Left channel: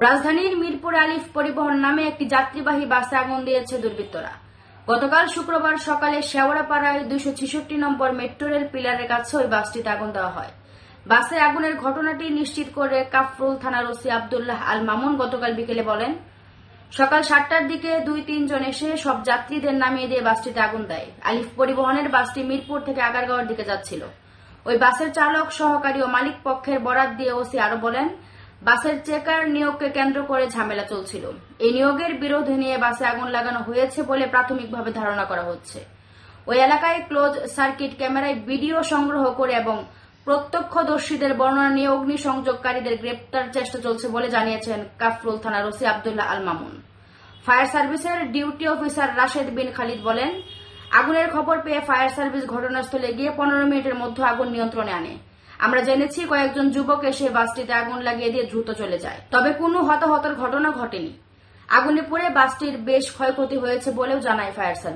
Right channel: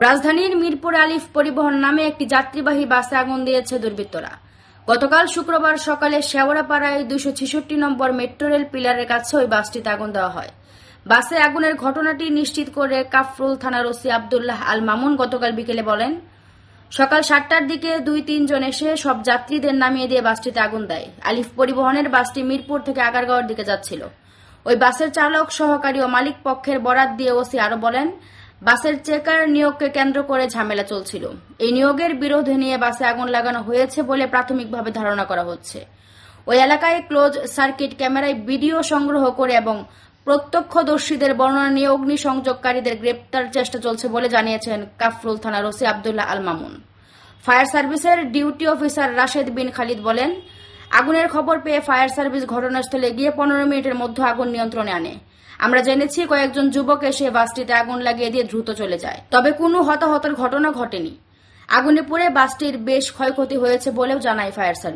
রাজধানীর মিরপুর আলিফ পরিবহন নামে একটি যাত্রীবাহী বাসে আগুন দিয়েছে দুর্বৃত্তরা। গতকাল শুক্রবার সকালে শেওড়াপাড়ায় দুইশো ছেষট্টি নম্বর মেট্রো রেল পিলারের কাছে ওই বাসটিতে আগুন দেওয়া হয়। বাসে আগুনের ঘটনাটি নিশ্চিত করে কাফরুল থানার ওসি আবদুল্লাহ আল মামুন গতকাল বিকেলে বলেন, সকাল সাতটার দিকে দুই তিনজন এসে সব যাত্রীদের নামিয়ে দিয়ে বাসটিতে আগুন দেয়। আলিফ পরিবহনের বাসটি মিরপুর থেকে আগারগাঁওয়ের দিকে যাচ্ছিল। ওই বাসের চালক, সহকারী ও মালিক পক্ষের বরাত দিয়ে ওসি আরও বলেন বাসের চেকার নিয়োগকে কেন্দ্র করে ঝামেলা চলছিল। এই নিয়োগের বিরোধে নিয়ে বাসে আগুন লাগানো হয়েছে বলে প্রাথমিকভাবে ধারণা করা হচ্ছে। ওই এলাকায় ক্লোজ সার্কিট ক্যামেরায় ভিডিও সংগ্রহ করে এবং প্রত্যক্ষদর্শীদের বর্ণনা নিয়ে অগ্নিসংযোগকারীদের গ্রেপ্তার চেষ্টা চলছে বলে জানিয়েছেন কাফরুল থানার ওসি আবদুল্লাহ আল মামুন। ফায়ার সার্ভিসের ডিউটি অফিসার রাশেদ বিন খালিদ বলেন আগুনের খবর পেয়ে ফায়ার সার্ভিস ঘটনাস্থলে গিয়ে পনেরো মিনিটের মধ্যে আগুন নিয়ন্ত্রণে আনে। আমরা জেনেছি কয়েকজন যুবক এসে বাসটিতে আগুন লাগিয়ে দিয়ে দ্রুত চলে যায়। তবে কোনো হতাহতের ঘটনা ঘটেনি। আগুনে পড়ে বাসটির বেশ ক্ষয়ক্ষতি হয়েছে বলেও জানায় ফায়ার সার্ভিস।